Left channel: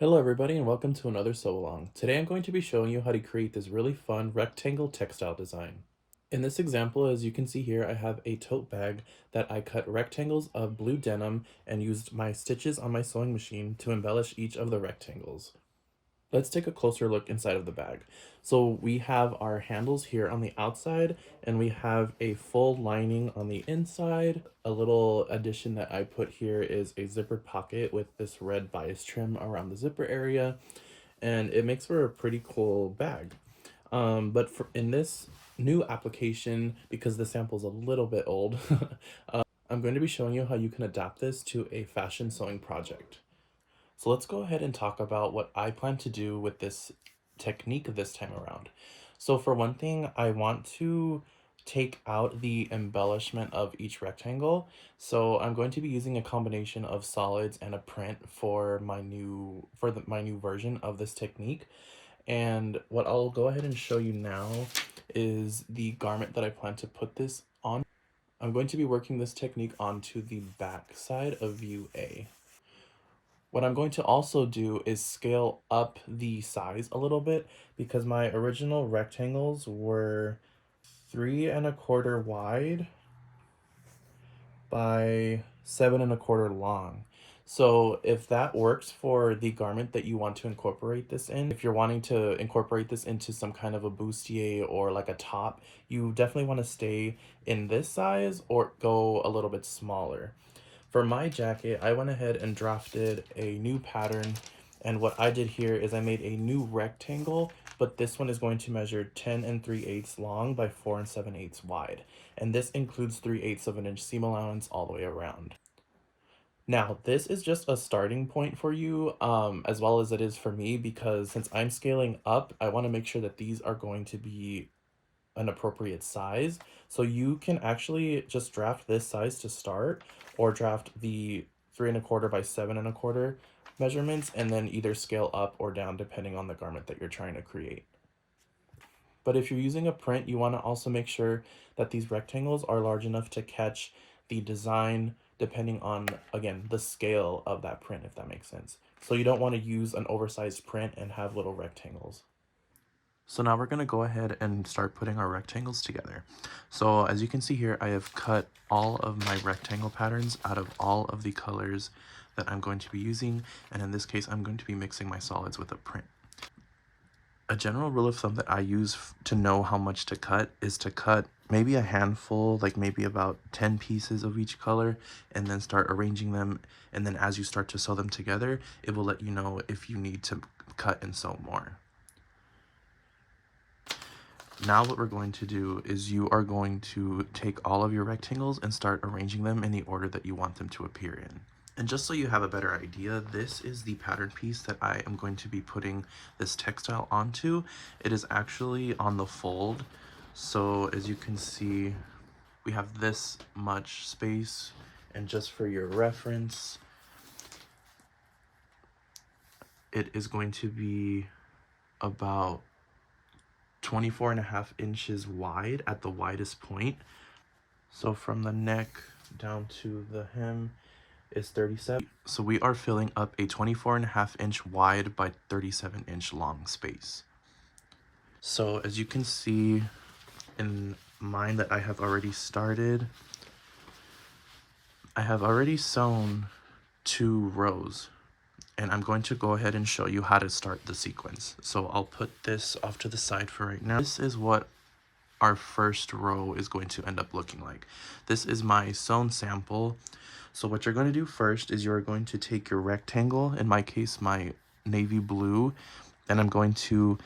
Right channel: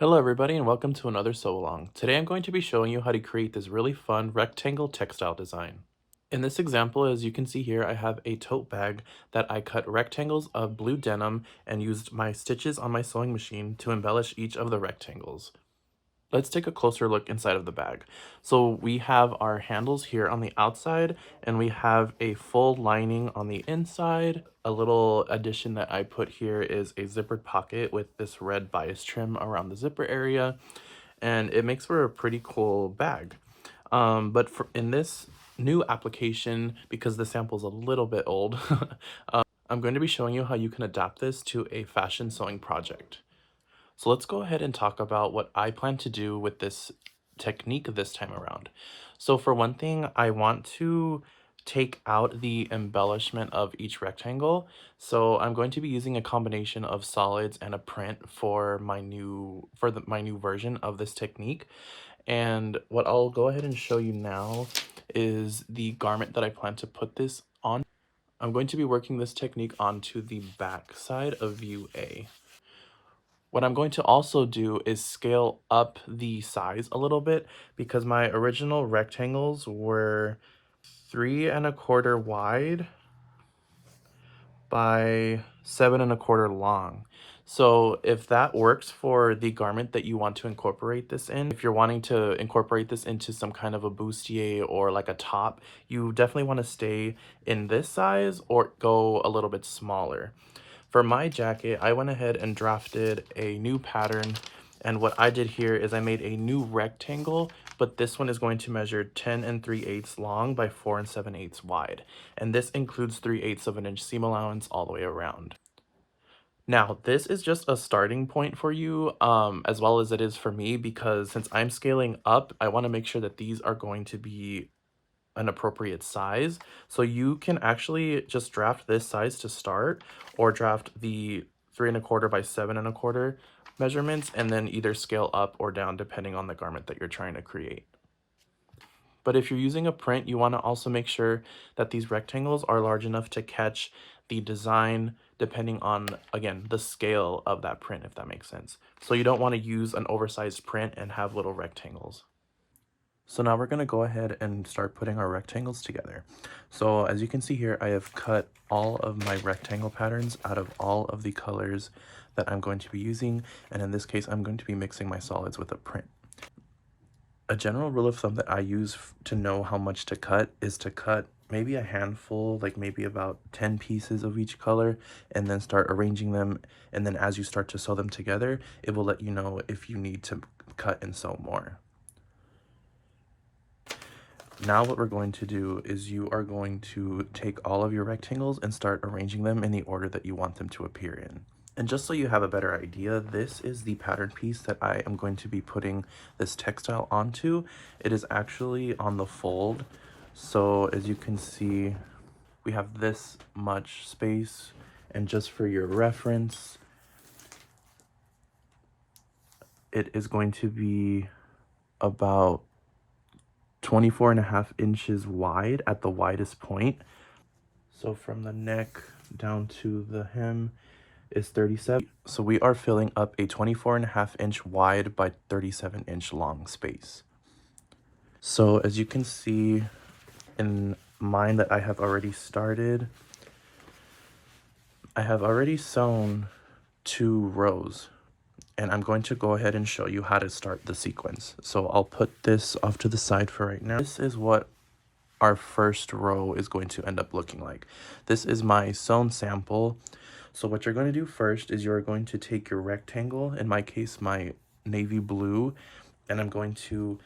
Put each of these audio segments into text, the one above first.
Hello everybody and welcome to another sew along. Today I'm going to be showing you how to create this really fun rectangle textile design. In this example, as you can see here, I have a tote bag that I cut rectangles of blue denim and used my stitches on my sewing machine to embellish each of the rectangles. Let's take a closer look inside of the bag. So we have our handles here on the outside and we have a full lining on the inside. A little addition that I put here is a zippered pocket with this red bias trim around the zipper area, and it makes for a pretty cool bag. In this new application, because the sample's a little bit old, I'm going to be showing you how you can adapt this to a fashion sewing project. So let's go ahead and talk about what I plan to do with this technique this time around. So for one thing, I want to take out the embellishment of each rectangle. So I'm going to be using a combination of solids and a print for my new version of this technique. And what I'll go ahead and show you now is the garment that I plan to put this on. I'm going to be working this technique onto the back side of view A. What I'm going to also do is scale up the size a little bit because my original rectangles were 3¼ wide by 7¼ long. So if that works for the garment that you want to incorporate this in, if you're wanting to incorporate this into some kind of a bustier or like a top, you definitely want to stay in this size or go a little bit smaller. For my jacket, I went ahead and drafted a new pattern, and what I did here is I made a new rectangle, but this one is going to measure 10 3/8 long by 4 7/8 wide, and this includes 3/8 of an inch seam allowance all the way around. Now, this is just a starting point for you, as well as it is for me, because since I'm scaling up, I want to make sure that these are going to be an appropriate size. So you can actually just draft this size to start, or draft the 3¼ by 7¼ measurements, and then either scale up or down depending on the garment that you're trying to create. But if you're using a print, you want to also make sure that these rectangles are large enough to catch the design depending on, again, the scale of that print, if that makes sense. So you don't want to use an oversized print and have little rectangles. So now we're going to go ahead and start putting our rectangles together. So as you can see here, I have cut all of my rectangle patterns out of all of the colors that I'm going to be using. And in this case, I'm going to be mixing my solids with a print. A general rule of thumb that I use to know how much to cut is to cut maybe a handful, like maybe about 10 pieces of each color, and then start arranging them. And then as you start to sew them together, it will let you know if you need to cut and sew more. Now what we're going to do is you are going to take all of your rectangles and start arranging them in the order that you want them to appear in. And just so you have a better idea, this is the pattern piece that I am going to be putting this textile onto. It is actually on the fold. So as you can see, we have this much space. And just for your reference, it is going to be about 24½ inches wide at the widest point. So from the neck down to the hem is 37. So we are filling up a 24½ inch wide by 37 inch long space. So as you can see in mine that I have already started, I have already sewn 2 rows. And I'm going to go ahead and show you how to start the sequence. So I'll put this off to the side for right now. This is what our first row is going to end up looking like. This is my sewn sample. So what you're going to do first is you're going to take your rectangle, in my case my navy blue, and I'm going to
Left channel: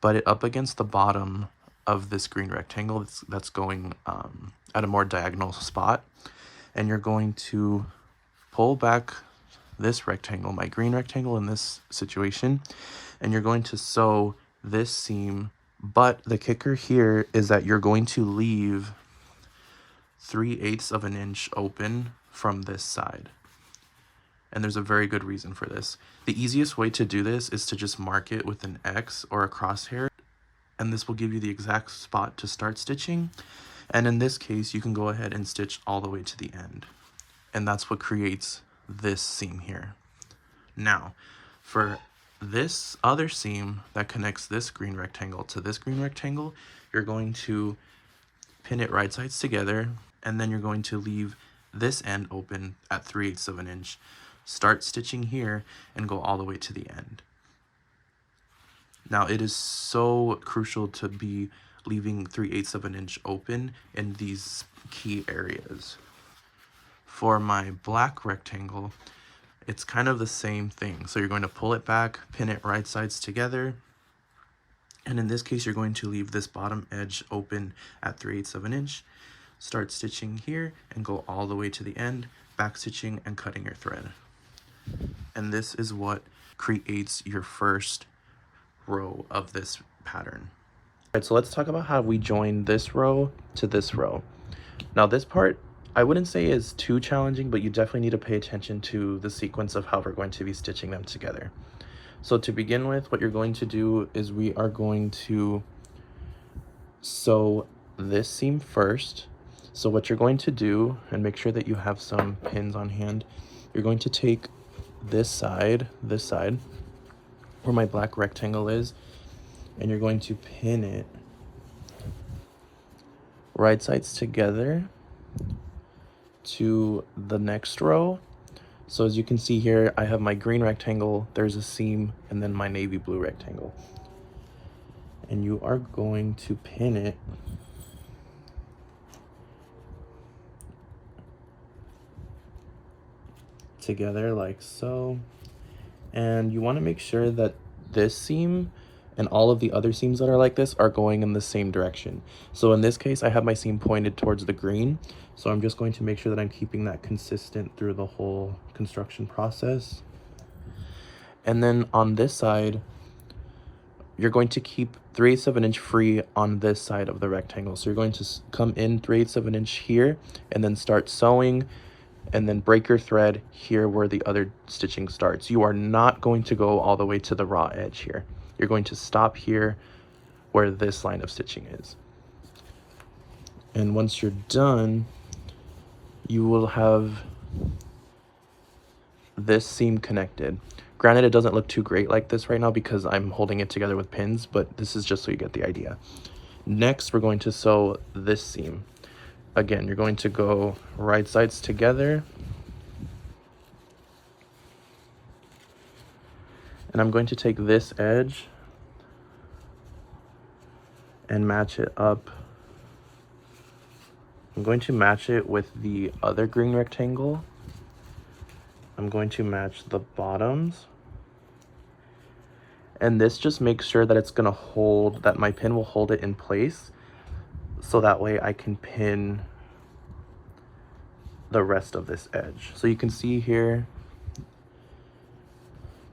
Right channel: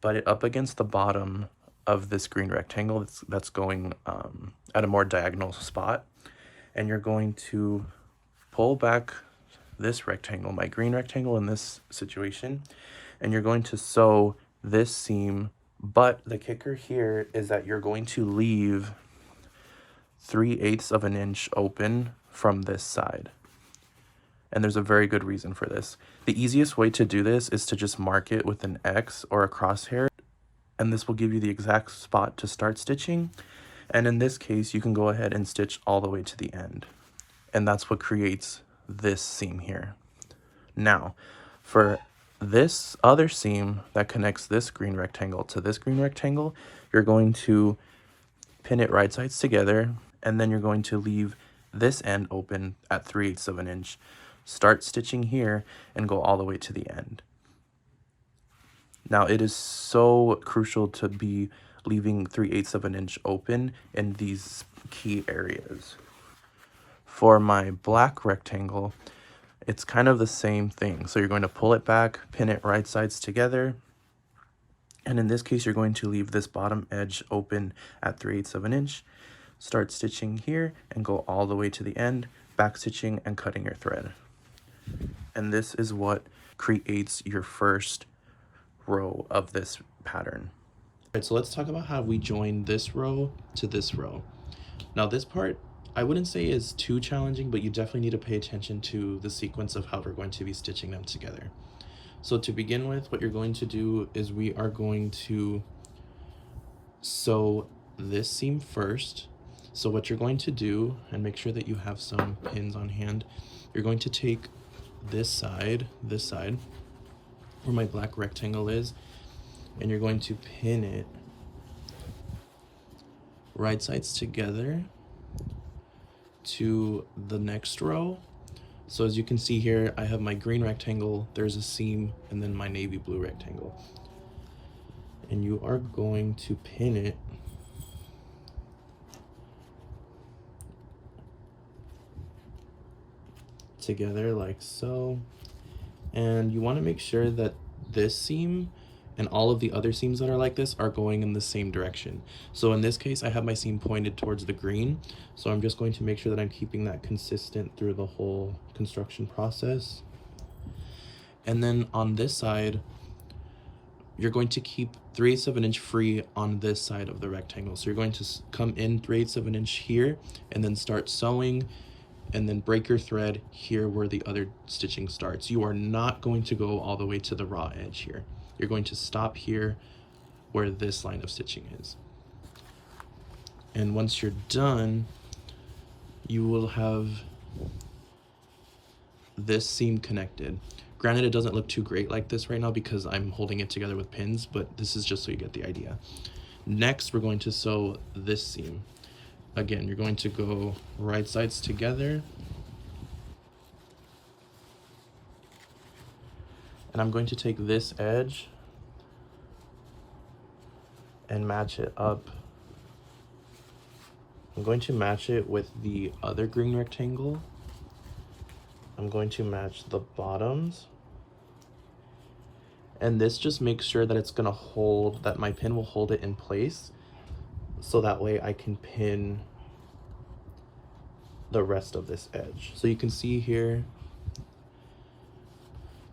butt it up against the bottom of this green rectangle that's going at a more diagonal spot. And you're going to pull back this rectangle, my green rectangle in this situation, and you're going to sew this seam, but the kicker here is that you're going to leave 3/8 of an inch open from this side. And there's a very good reason for this. The easiest way to do this is to just mark it with an X or a crosshair, and this will give you the exact spot to start stitching. And in this case, you can go ahead and stitch all the way to the end. And that's what creates this seam here. Now, for this other seam that connects this green rectangle to this green rectangle, you're going to pin it right sides together, and then you're going to leave this end open at 3/8 of an inch. Start stitching here and go all the way to the end. Now it is so crucial to be leaving 3/8 of an inch open in these key areas. For my black rectangle, it's kind of the same thing. So you're going to pull it back, pin it right sides together, and in this case, you're going to leave this bottom edge open at 3/8 of an inch. Start stitching here and go all the way to the end, back stitching and cutting your thread. And this is what creates your first row of this pattern. All right, so let's talk about how we join this row to this row. Now this part, I wouldn't say is too challenging, but you definitely need to pay attention to the sequence of how we're going to be stitching them together. So to begin with, what you're going to do is we are going to sew this seam first. So what you're going to do, and make sure that you have some pins on hand, you're going to take this side where my black rectangle is, and you're going to pin it right sides together to the next row. So as you can see here, I have my green rectangle, there's a seam, and then my navy blue rectangle. And you are going to pin it together like so. And you want to make sure that this seam and all of the other seams that are like this are going in the same direction. So in this case, I have my seam pointed towards the green. So I'm just going to make sure that I'm keeping that consistent through the whole construction process. And then on this side, you're going to keep 3/8 of an inch free on this side of the rectangle. So you're going to come in 3/8 of an inch here and then start sewing, and then break your thread here where the other stitching starts. You are not going to go all the way to the raw edge here. You're going to stop here where this line of stitching is. And once you're done, you will have this seam connected. Granted, it doesn't look too great like this right now because I'm holding it together with pins, but this is just so you get the idea. Next, we're going to sew this seam. Again, you're going to go right sides together. And I'm going to take this edge and match it up. I'm going to match it with the other green rectangle. I'm going to match the bottoms. And this just makes sure that it's gonna hold, that my pin will hold it in place. So that way I can pin the rest of this edge. So you can see here,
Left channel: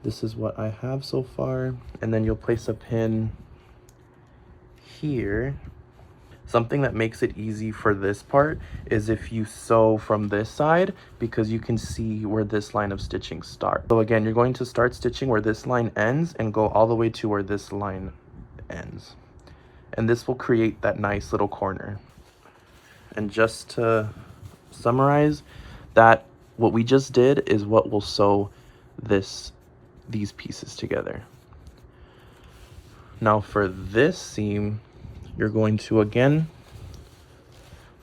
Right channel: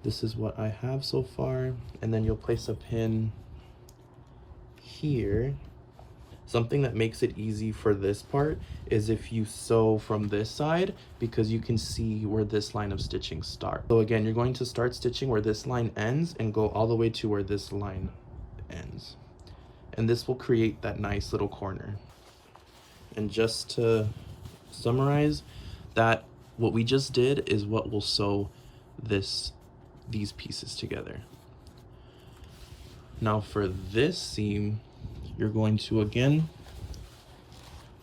this is what I have so far. And then you'll place a pin here. Something that makes it easy for this part is if you sew from this side, because you can see where this line of stitching starts. So again, you're going to start stitching where this line ends and go all the way to where this line ends. And this will create that nice little corner. And just to summarize, that what we just did is what will sew these pieces together. Now for this seam, you're going to again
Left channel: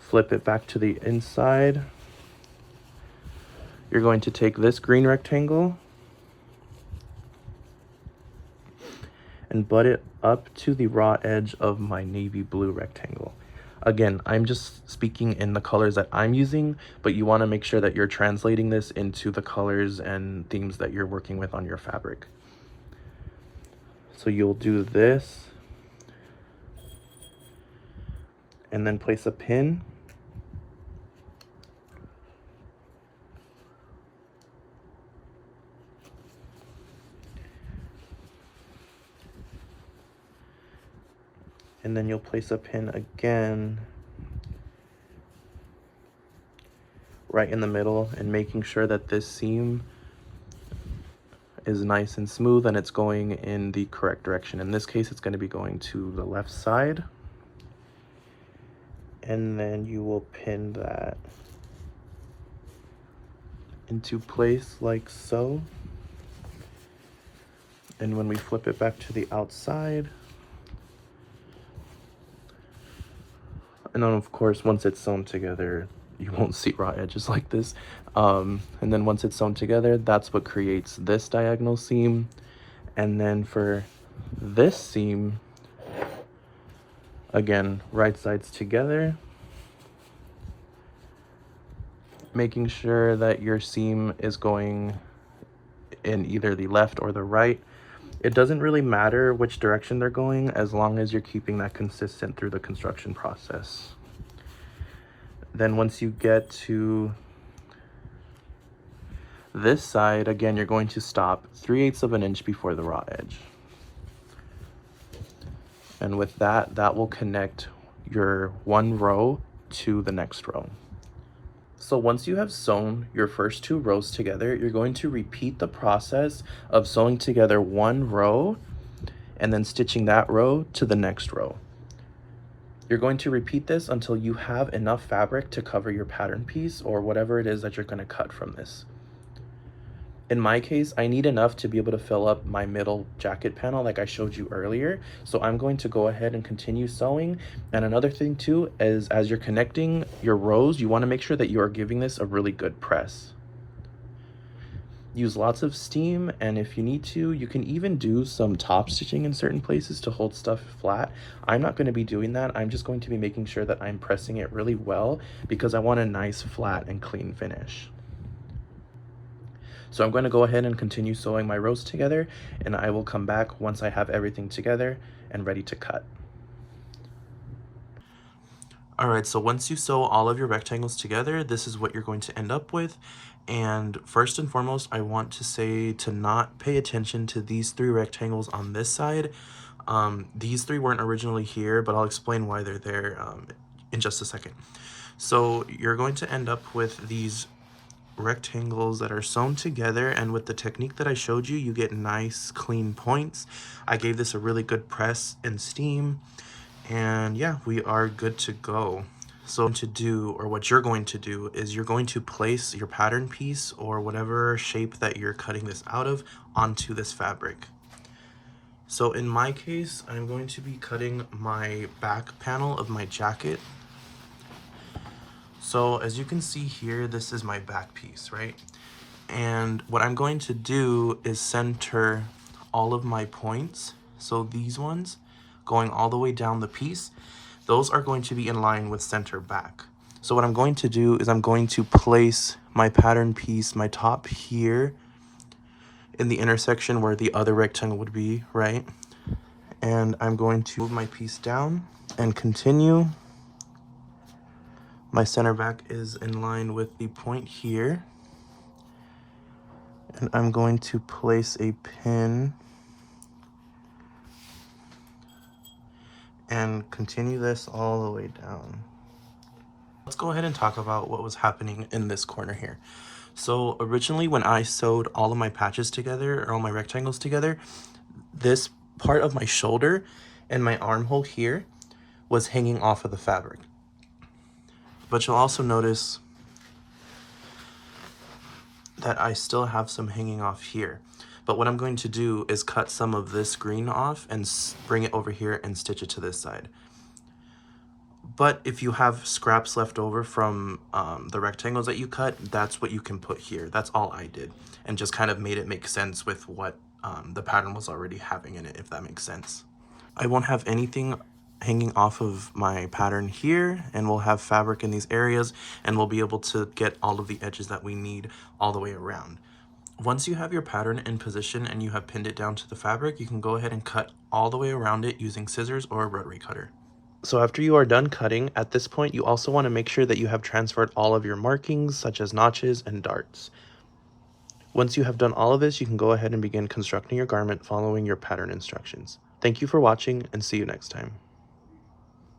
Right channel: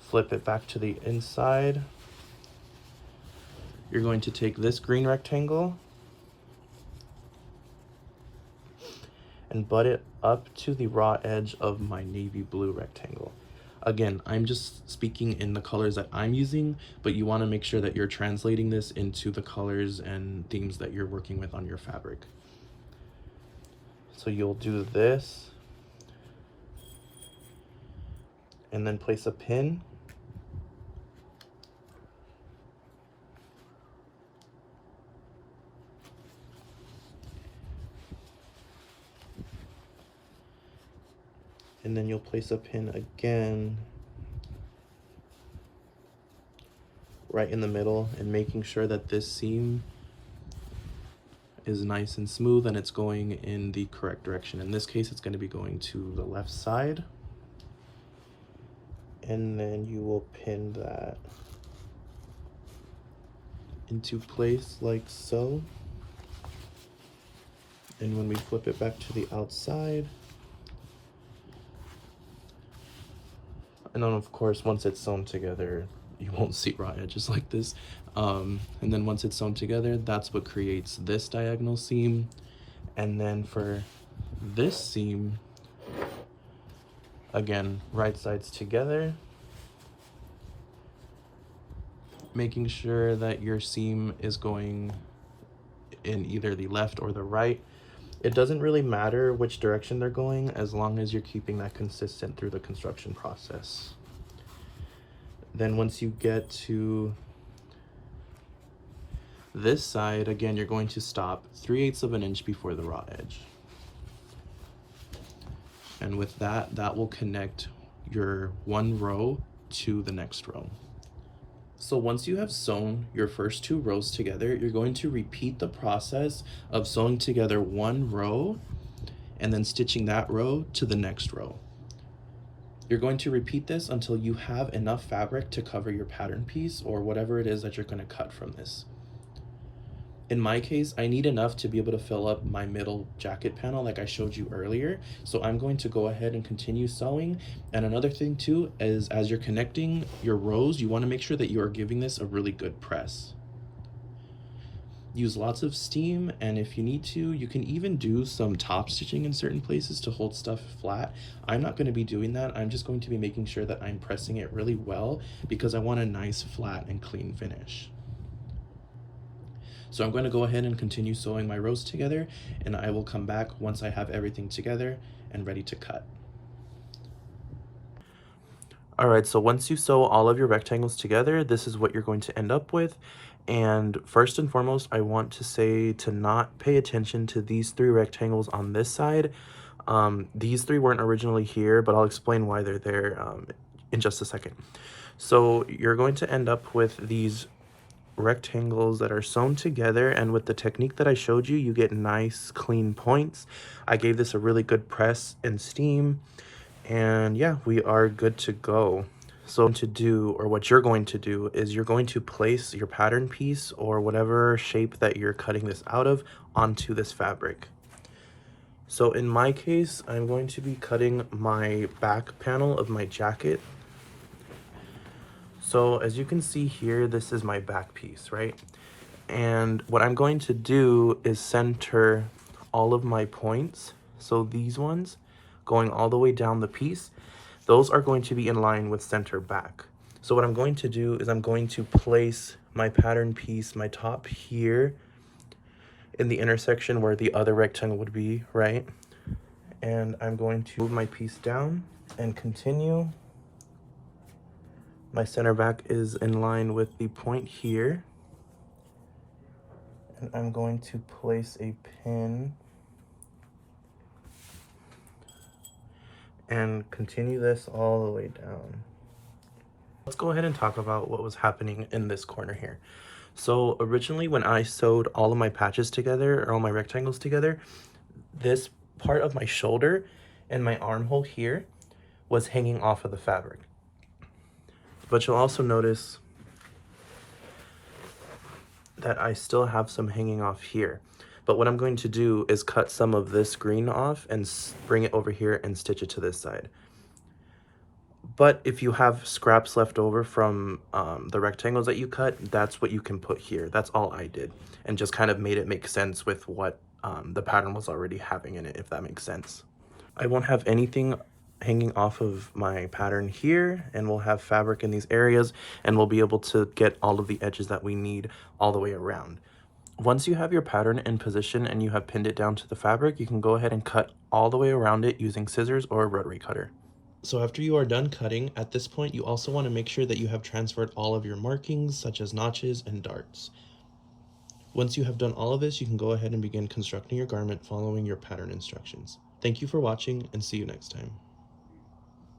flip it back to the inside. You're going to take this green rectangle and butt it up to the raw edge of my navy blue rectangle. Again, I'm just speaking in the colors that I'm using, but you want to make sure that you're translating this into the colors and themes that you're working with on your fabric. So you'll do this and then place a pin. And then you'll place a pin again right in the middle, and making sure that this seam is nice and smooth and it's going in the correct direction. In this case, it's going to be going to the left side. And then you will pin that into place like so. And when we flip it back to the outside, and then of course, once it's sewn together, you won't see raw edges like this. And then once it's sewn together, that's what creates this diagonal seam. And then for this seam, again, right sides together, making sure that your seam is going in either the left or the right. It doesn't really matter which direction they're going as long as you're keeping that consistent through the construction process. Then once you get to this side, again, you're going to stop 3/8 of an inch before the raw edge. And with that, that will connect your one row to the next row. So once you have sewn your first 2 rows together, you're going to repeat the process of sewing together one row and then stitching that row to the next row. You're going to repeat this until you have enough fabric to cover your pattern piece or whatever it is that you're going to cut from this. In my case, I need enough to be able to fill up my middle jacket panel like I showed you earlier. So I'm going to go ahead and continue sewing. And another thing too is as you're connecting your rows, you want to make sure that you are giving this a really good press. Use lots of steam, and if you need to, you can even do some top stitching in certain places to hold stuff flat. I'm not going to be doing that. I'm just going to be making sure that I'm pressing it really well because I want a nice flat and clean finish. So I'm going to go ahead and continue sewing my rows together, and I will come back once I have everything together and ready to cut. All right, so once you sew all of your rectangles together, this is what you're going to end up with. And first and foremost, I want to say to not pay attention to these 3 rectangles on this side. These 3 weren't originally here, but I'll explain why they're there in just a second. So you're going to end up with these rectangles that are sewn together, and with the technique that I showed you, you get nice clean points. I gave this a really good press and steam, and yeah, we are good to go. So what you're going to do is you're going to place your pattern piece or whatever shape that you're cutting this out of onto this fabric. So in my case, I'm going to be cutting my back panel of my jacket. So as you can see here, this is my back piece, right? And what I'm going to do is center all of my points. So these ones going all the way down the piece, those are going to be in line with center back. So what I'm going to do is I'm going to place my pattern piece, my top here in the intersection where the other rectangle would be, right? And I'm going to move my piece down and continue. My center back is in line with the point here. And I'm going to place a pin and continue this all the way down. Let's go ahead and talk about what was happening in this corner here. So originally when I sewed all of my patches together, or all my rectangles together, this part of my shoulder and my armhole here was hanging off of the fabric. But you'll also notice that I still have some hanging off here. But what I'm going to do is cut some of this green off and bring it over here and stitch it to this side. But if you have scraps left over from the rectangles that you cut, that's what you can put here. That's all I did, and just kind of made it make sense with what the pattern was already having in it, if that makes sense. I won't have anything hanging off of my pattern here, and we'll have fabric in these areas, and we'll be able to get all of the edges that we need all the way around. Once you have your pattern in position and you have pinned it down to the fabric, you can go ahead and cut all the way around it using scissors or a rotary cutter. So after you are done cutting, at this point you also want to make sure that you have transferred all of your markings such as notches and darts. Once you have done all of this, you can go ahead and begin constructing your garment following your pattern instructions. Thank you for watching, and see you next time.